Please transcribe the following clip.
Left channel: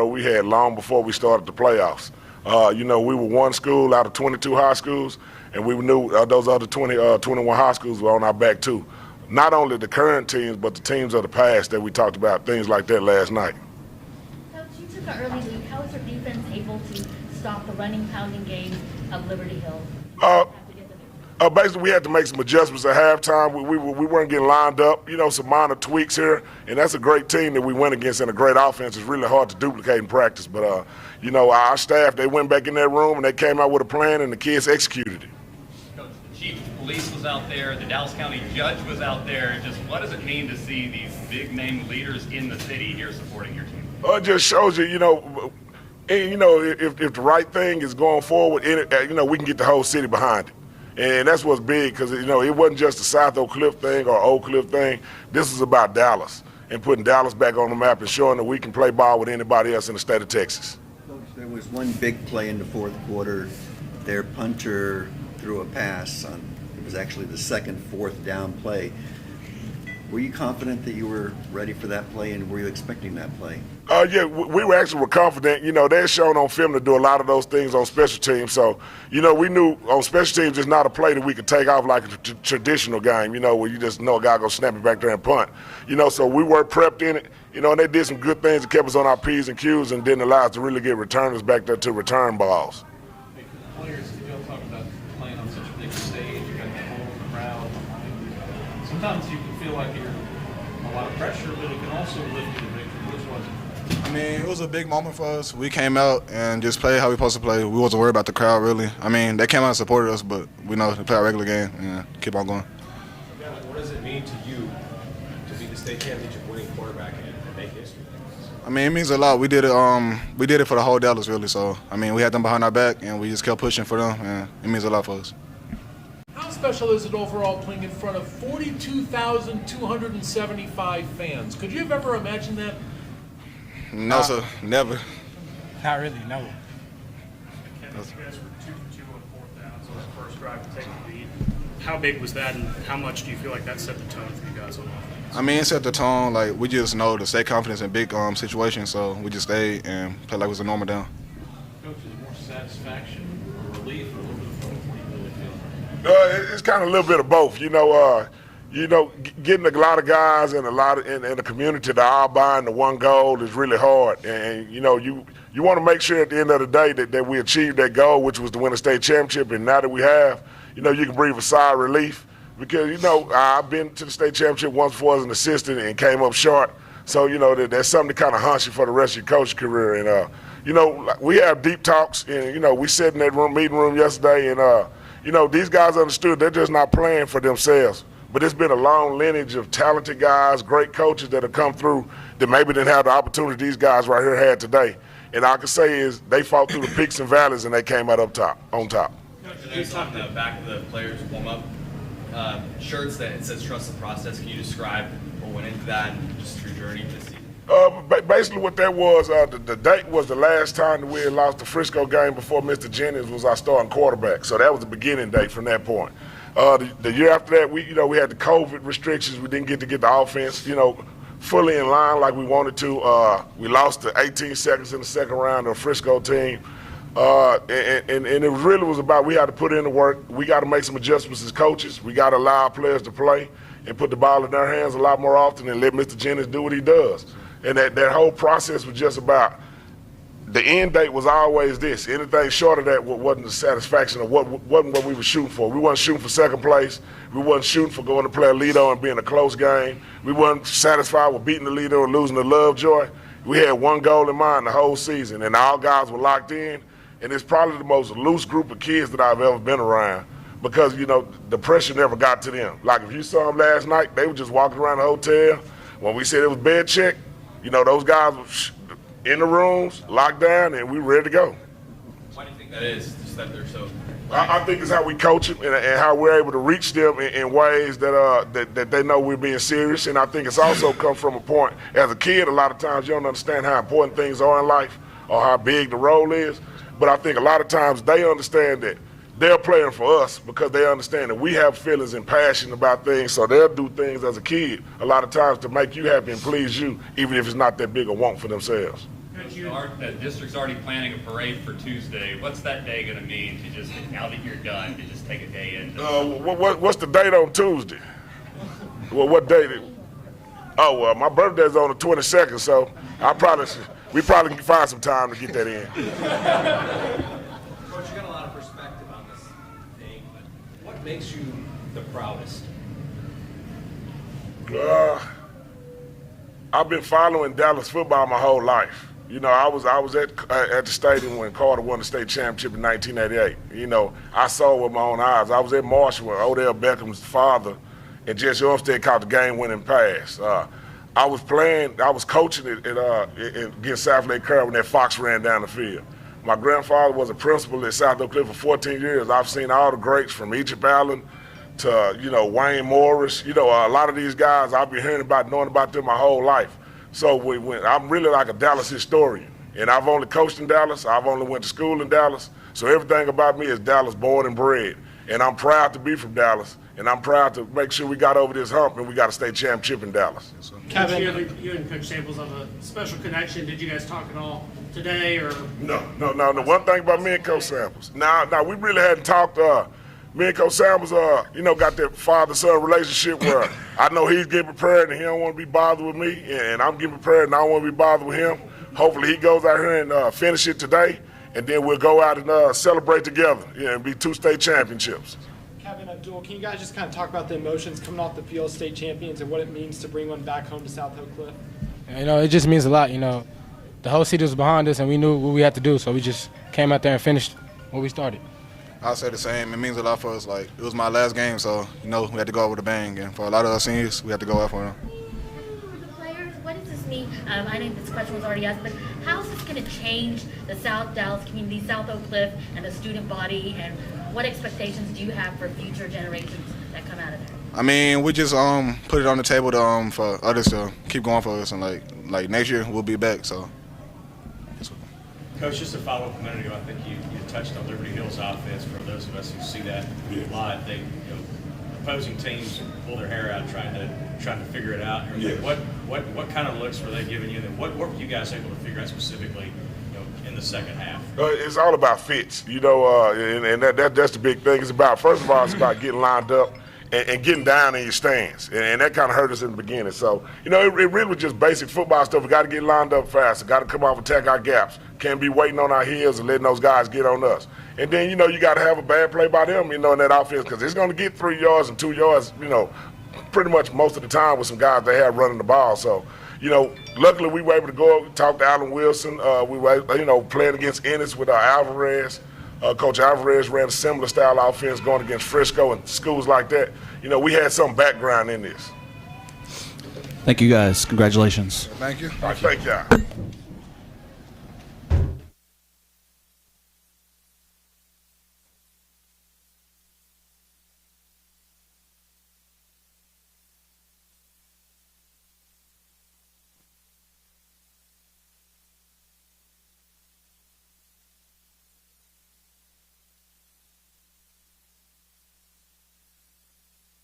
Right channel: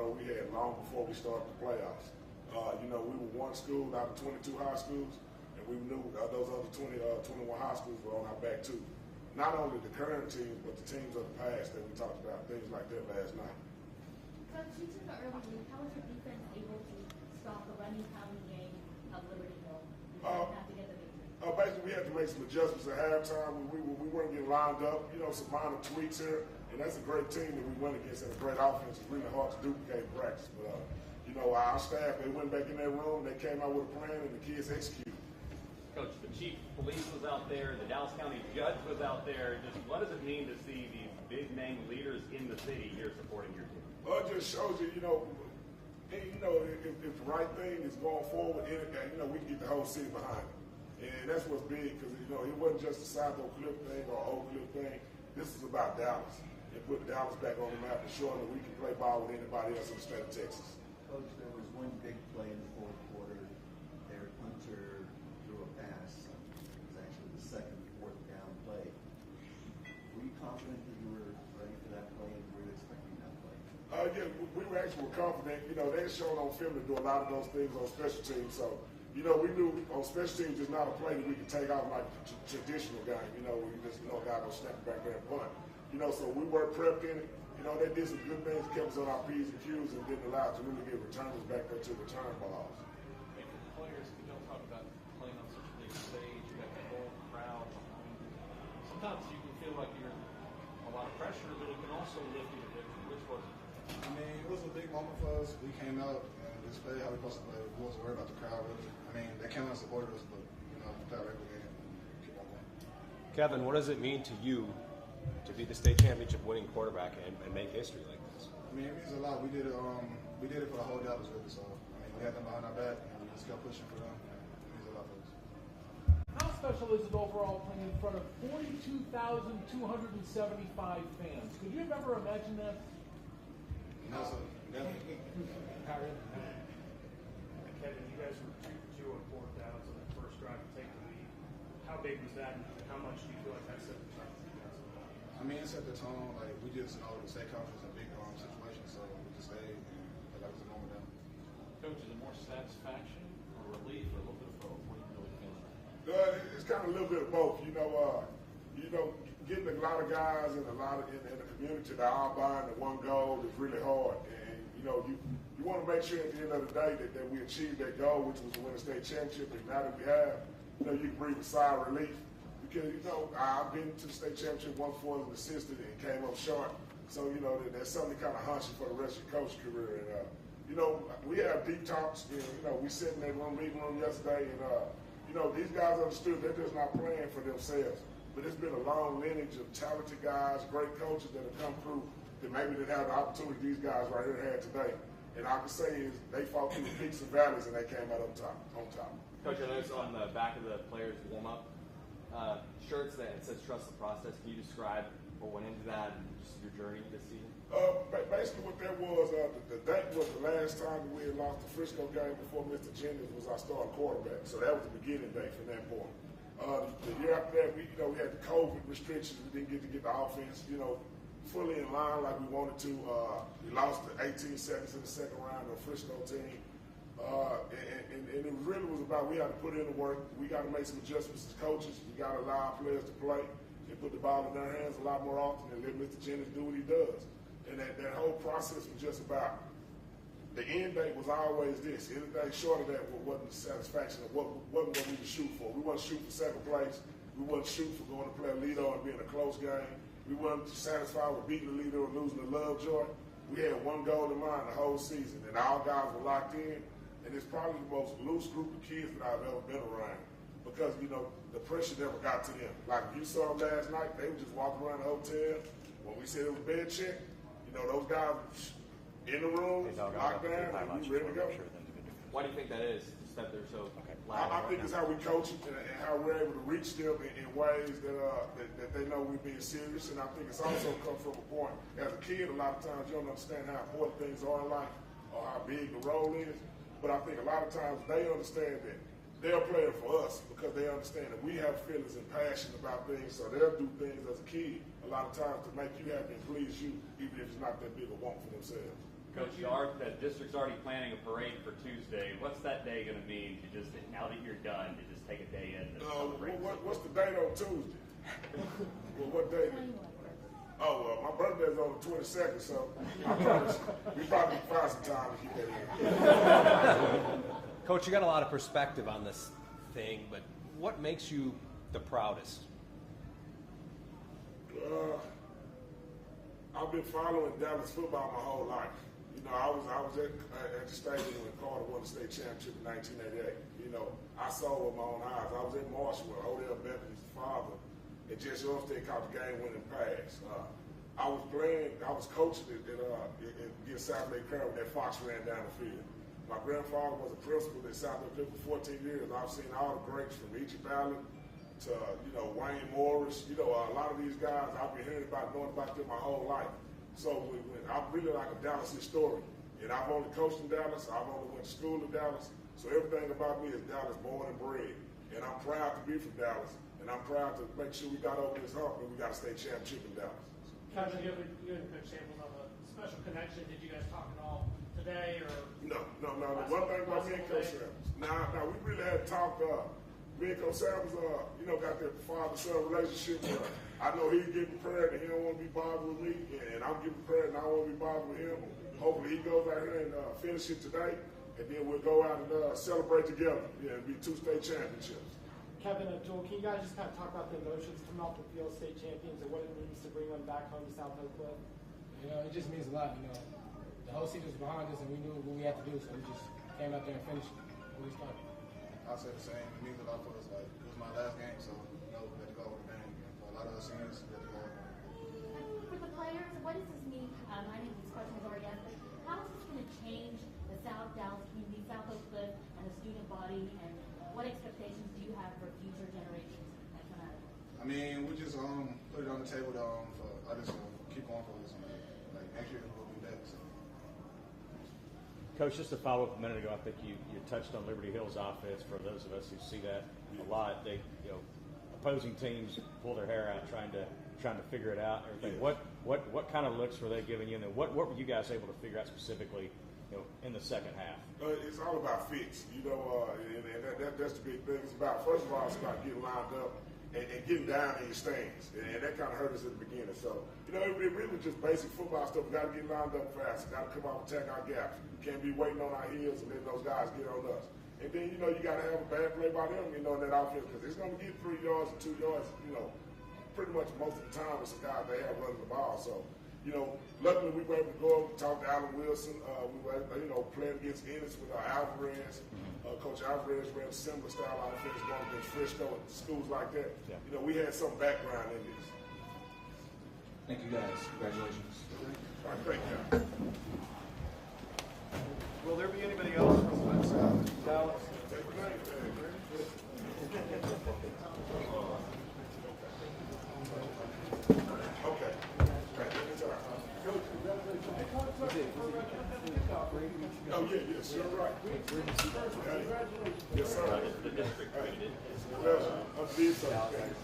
we had long before we started the playoffs. We were one school out of 22 high schools, and we knew those other 21 high schools were on our back too. Not only the current teams, but the teams of the past that we talked about, things like that last night. Coach, you took an early lead. How was your defense able to stop the running, pounding game of Liberty Hill? Basically, we had to make some adjustments at halftime. We weren't getting lined up, some minor tweaks here, and that's a great team that we went against and a great offense. It's really hard to duplicate in practice, but, our staff, they went back in that room and they came out with a plan and the kids executed it. Coach, the chief of police was out there, the Dallas County judge was out there. Just what does it mean to see these big-name leaders in the city here supporting your team? It just shows you, if the right thing is going forward, we can get the whole city behind it. And that's what's big because, it wasn't just a South Oak Cliff thing or Oak Cliff thing. This is about Dallas and putting Dallas back on the map and showing that we can play ball with anybody else in the state of Texas. There was one big play in the fourth quarter. Their punter threw a pass on, it was actually the second fourth down play. Were you confident that you were ready for that play, and were you expecting that play? Yeah, we were confident. They're shown on film to do a lot of those things on special teams. So, we knew on special teams it's not a play that we could take off like a traditional game, where you just know a guy going to snap it back there and punt. So we were prepped in it, and they did some good things that kept us on our P's and Q's and didn't allow us to really get returners back there to return balls. Hey, for the players, you talk about playing on such a big stage, you got the whole crowd behind you. Sometimes you can feel like you're a lot of pressure, but it can also lift you to victory. Which was it? I mean, it was a big moment for us. We came out and just played how we supposed to play. We wasn't worried about the crowd, really. I mean, they came out and supported us, but we know to play our regular game and keep on going. Kevin, what does it mean to you to be the state championship winning quarterback and make history? I mean, it means a lot. We did it for the whole Dallas, really. So, I mean, we had them behind our back, and we just kept pushing for them, and it means a lot for us. How special is it overall playing in front of 42,275 fans? Could you have ever imagined that? No, sir, never. Not really, no. Kevin, you guys were 2-2 on fourth down, so that first drive to take the lead. How big was that, and how much do you feel like that set the tone for you guys on offense? I mean, it set the tone. Like, we just know to stay confident in big situations, so we just stayed and played like it was a normal down. Coach, is it more satisfaction or relief or a little bit of both? What do you really feel? It's kind of a little bit of both. Getting a lot of guys and a lot of in the community to all buying the one goal is really hard. And you want to make sure at the end of the day that we achieve that goal, which was to win a state championship. And now that we have, you can breathe a sigh of relief because I've been to the state championship once before as an assistant and came up short. So that's something to kind of haunt you for the rest of your coaching career. And we have deep talks, and we sat in that meeting room yesterday, and these guys understood they're just not playing for themselves. But it's been a long lineage of talented guys, great coaches that have come through that maybe didn't have the opportunity these guys right here had today. And all I can say is they fought through the peaks and valleys and they came out on top. Coach, on the back of the players' warm-up shirts that it says "Trust the Process." Can you describe what went into that and just your journey this season? Basically what that was, the date was the last time that we had lost the Frisco game before Mr. Jennings was our starting quarterback. So that was the beginning date from that point. The year after that, we had the COVID restrictions. We didn't get the offense, fully in line like we wanted to. We lost the 18 seconds in the second round of the Frisco team. And it really was about we had to put in the work. We got to make some adjustments as coaches. We got to allow our players to play and put the ball in their hands a lot more often and let Mr. Jennings do what he does. And that whole process was just about the end date was always this. Anything short of that wasn't the satisfaction of wasn't what we were shooting for. We wasn't shooting for second place. We wasn't shooting for going to play a Lido and being a close game. We wasn't satisfied with beating the Lido and losing to Lovejoy. We had one goal in mind the whole season, and all guys were locked in. And it's probably the most loose group of kids that I've ever been around because, the pressure never got to them. Like if you saw them last night, they were just walking around the hotel. When we said it was bed check, those guys were in the rooms, locked down, and we were ready to go. Why do you think that is, just that they're so... I think it's how we coach them and how we're able to reach them in ways that they know we're being serious. And I think it's also come from a point, as a kid, a lot of times you don't understand how important things are in life or how big the role is. But I think a lot of times they understand that they're playing for us because they understand that we have feelings and passion about things, so they'll do things as a kid a lot of times to make you happy and please you, even if it's not that big a want for themselves. Coach, Coach, the district's already planning a parade for Tuesday. What's that day going to mean to just, now that you're done, to just take a day in? What's the date on Tuesday? Well, what date? Oh, well, my birthday's on the 22nd, so we probably can find some time to get that in. Coach, you got a lot of perspective on this thing, but what makes you the proudest? I've been following Dallas football my whole life. You know, I was at the stadium when Carter won the state championship in 1988. You know, I saw it with my own eyes. I was at Marshall when Odell Beckham's father and Jesse Olmstead caught the game-winning pass. I was coaching against South Lake Carroll when that Fox ran down the field. My grandfather was a principal at South Oak Cliff for 14 years. I've seen all the greats from Egypt Allen to, you know, Wayne Morris. You know, a lot of these guys I've been hearing about, knowing about them my whole life. So I'm really like a Dallas historian. And I've only coached in Dallas. I've only went to school in Dallas. So everything about me is Dallas born and bred. And I'm proud to be from Dallas. And I'm proud to make sure we got over this hump and we got a state championship in Dallas. So. Kevin, you and Coach Samples have a special connection. Did you guys talk at all today, or? No. The one thing about me and Coach Samples, now we really hadn't talked. Me and Coach Samples, you know, got that father-son relationship where I know he's getting prepared and he don't want to be bothered with me, and I'm getting prepared and I don't want to be bothered with him. Hopefully he goes out here and finish it today, and then we'll go out and celebrate together, and be 2 state championships. Kevin, Abdul, can you guys just kind of talk about the emotions coming off the field, state champions, and what it means to bring one back home to South Oak Cliff? You know, it just means a lot. You know, the whole city was behind us, and we knew what we had to do, so we just came out there and finished what we started. I'll say the same. It means a lot for us. Like, it was my last game, so, you know, we had to go out with a bang. And for a lot of us seniors, we had to go out for them. For the players, what does this mean? I know this question was already asked, but how is this going to change the South Dallas community, South Oak Cliff, and the student body, and what expectations do you have for future generations that come out of there? I mean, we just put it on the table to, for others to keep going for us, and like next year we'll be back. So. Coach, just to follow up a minute ago, I think you touched on Liberty Hill's offense. For those of us who see that a lot, they, opposing teams pull their hair out trying to figure it out. Yeah. What kind of looks were they giving you? And what were you guys able to figure out specifically, in the second half? It's all about fits, and that's the big thing. It's about, first of all, it's about getting lined up and getting down in your stance, and that kind of hurt us in the beginning. So, it really was just basic football stuff. We got to get lined up faster, got to come off and attack our gaps. Can't be waiting on our heels and letting those guys get on us. And then, you got to have a bad play by them, in that offense, because it's going to get 3 yards and 2 yards, pretty much most of the time with some guys they have running the ball. So, luckily we were able to go up, talk to Alan Wilson. We were, playing against Ennis with Alvarez. Coach Alvarez ran a similar style offense going against Frisco and schools like that. We had some background in this. Thank you, guys. Congratulations. Thank you. All right, thank y'all. Will there be anybody else from Dallas? Oh, yeah, yes, you're right. Yes, sir. Well, I did something.